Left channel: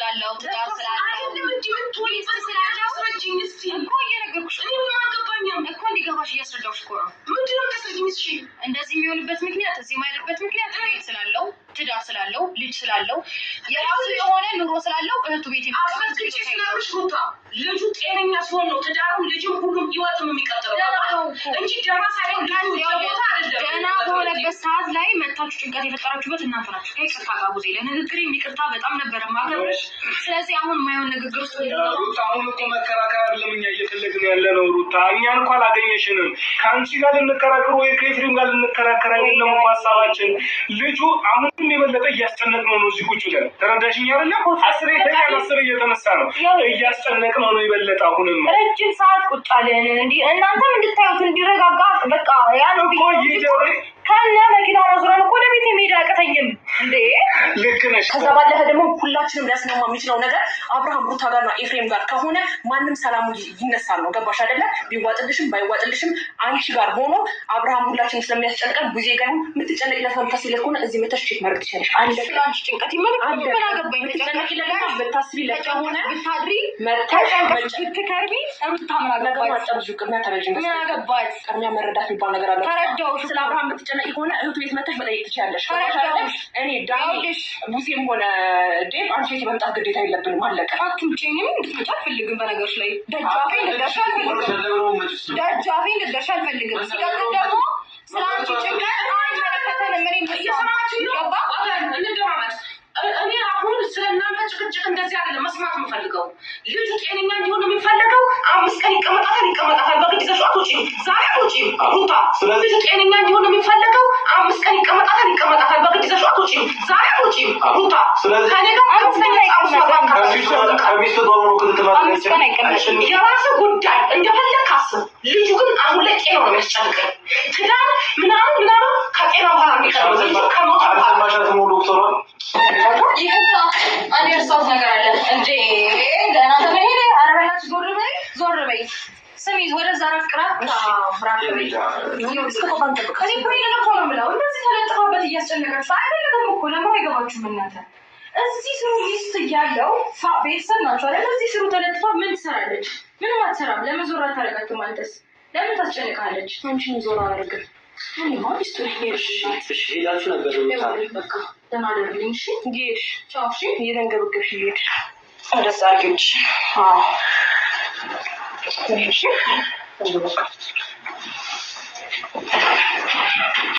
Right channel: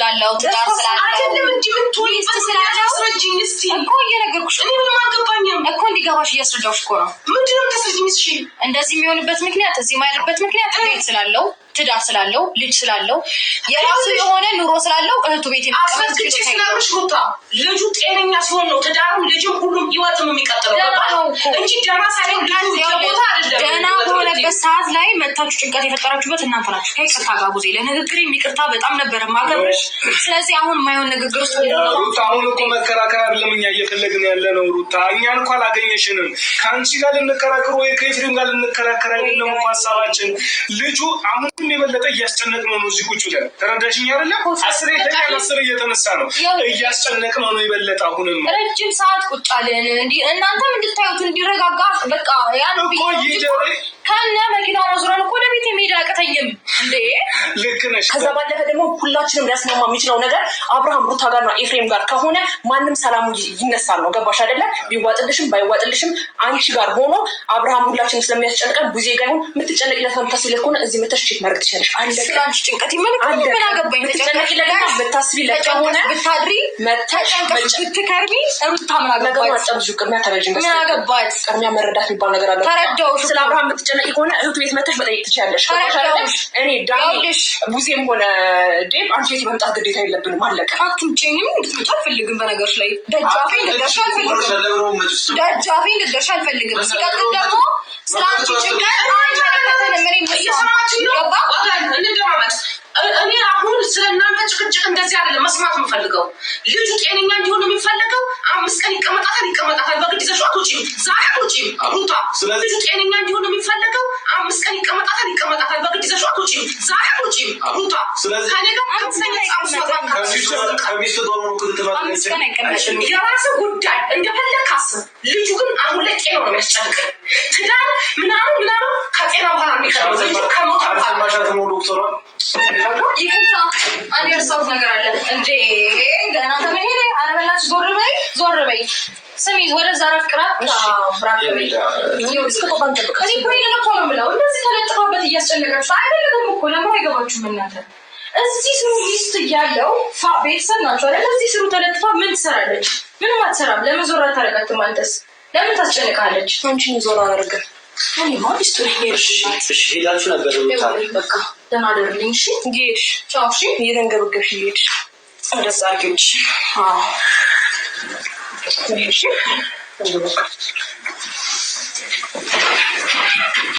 ስላለው ትዳር ስላለው አይደለም እንዴ ሚስት ስላለው እኮ እየነገርኩሽ እኮ እንዲገባሽ እያስረዳሁሽ እኮ ነው። ምንድነው ተሰጂኝስ? እሺ እንደዚህ የሚሆንበት ምክንያት እዚህ ማይደርበት ምክንያት ቤት ስላለው ትዳር ስላለው ልጅ ስላለው የራሱ የሆነ ኑሮ ስላለው እህቱ ቤት የሚቀመጥ ስለሽ ቦታ ልጁ ጤነኛ ሲሆን ነው ትዳሩም ልጅም ሁሉም ህይወትም የሚቀጥለው እንጂ ደህና ሳይሆን ቦታ አይደለም። ደህና በሆነበት ሰዓት ላይ መታችሁ ጭንቀት የፈጠራችሁበት እናንተ ናችሁ። ከይቅርታ ጋር ጉዜ ለንግግር የሚቅርታ በጣም ነበር ማገብርሽ። ስለዚህ አሁን ማይሆን ንግግር ውስጥ ሩታ አሁን እኮ መከራከር አይደለም እኛ እየፈለግን ያለ ነው። ሩታ እኛን እንኳን አላገኘሽንም። ከአንቺ ጋር ልንከራከር ወይ ከኤፍሬም ጋር ልንከራከር አይደለም እኮ ሀሳባችን። ልጁ አሁን የበለጠ እያስጨነቅነው ነው እዚህ ቁጭ ብለን ተረዳሽኝ አይደለ? አስሬ ተኛል አስሬ እየተነሳ ነው እያስጨነቅነው ነው የበለጠ። አሁንም ረጅም ሰዓት ቁጭ አለን እንዴ እናንተም እንድታዩት እንዲረጋጋ በቃ ያን እኮ ይደረ ካለ መኪና ረዝራን እኮ ለቤት ሜዳ አቀተኝም እንዴ ልክ ነሽ። ከዛ ባለፈ ደግሞ ሁላችንም ሊያስማማ የሚችለው ነገር አብርሃም ሩታ ጋርና ኤፍሬም ጋር ከሆነ ማንም ሰላሙ ይነሳል ነው። ገባሽ አይደለ? ቢዋጥልሽም ባይዋጥልሽም አንቺ ጋር ሆኖ አብርሃም ሁላችንም ስለሚያስጨንቀን ቡዜ ጋር ሆኖ የምትጨነቂለት ፈንታሲለት ሆነ እዚህ መተሽ ቼክ ማድረግ ትችላለሽ። አንድ ስለአንቺ ጭንቀት ይመልከት ምን አገባኝ ተጨነቂለት ብታስቢለት ከሆነ ብታድሪ መተሽ ብትከርቢ ሩታ ምን አገባኝ አጣብዙ ቅድሚያ ተረጅም ምን አገባኝ ቅድሚያ መረዳት የሚባል ነገር አለ። ተረዳው ስለ አብርሃም ብትጨነቂ ከሆነ እህቱ ቤት መተሽ መጠየቅ ትችላለሽ። እኔ ዳኒ ቡዜም ሆነ ዴብ አንቺ ቤት መምጣት ግዴታ የለብንም። አለቀ። አትምጪኝም እንድትመጪ አልፈልግም። በነገርሽ ላይ ደጃፌ ልደርሽ አልፈልግም። ሲቀጥል ደግሞ ስላንቺ ጭንቀት አይመለከተንም። እኔ እየሰማችኝ ነው። እንደማመጥ እኔ አሁን ስለእናንተ ጭቅጭቅ እንደዚህ አይደለም መስማት የምፈልገው። ልጁ ጤነኛ እንዲሆን የሚፈለገው 5 ቀን ይቀመጣታል። በግድ ይዘሽው አትወጪም። ዛሬ አትወጪም ሩታ። ልጁ ጤነኛ እንዲሆን የሚፈለገው 5 ቀን ይቀመጣታል። በግድ ይዘሽው አትወጪም። ዛሬ አትወጪም ሩታ። ስለዚህ የራስ ጉዳይ እንደፈለግ አስብ። ልጁ ግን አሁን ላይ ጤናው ነው የሚያስጨንቀን። ትዳር ምናምን ከጤና በኋላ የሚቀርብ ልጁ ከሞት ይሄታ አንድ የርሳት ነገር አለ እንዴ ገና ተመሄደ አረላች ዞር በይ ስሚ ወደዛ ረፍቅራት ብራከበይ ይወስከባን ተበከኝ ብሬን ነው ብለው እንደዚህ ተለጥፋበት እያስጨነቀች አይደለም እኮ ለምን አይገባችሁም እናንተ? እዚህ ስሩ ሊስት ያለው ቤተሰብ ናቸው አይደል? እዚህ ስሩ ተለጥፋ ምን ትሰራለች? ምንም አትሰራም። ለምን ዞር አታረጋትም? አንተስ ለምን ታስጨንቃለች? አንቺን ዞር አላረጋም። እኔ ማለት እሺ ሄዳችሁ ነበር በቃ ደህና ደርልኝ። እሺ ጌሽ ቻው። እሺ እየተንገበገብሽ ሄድሽ አደሳቂዎች እሺ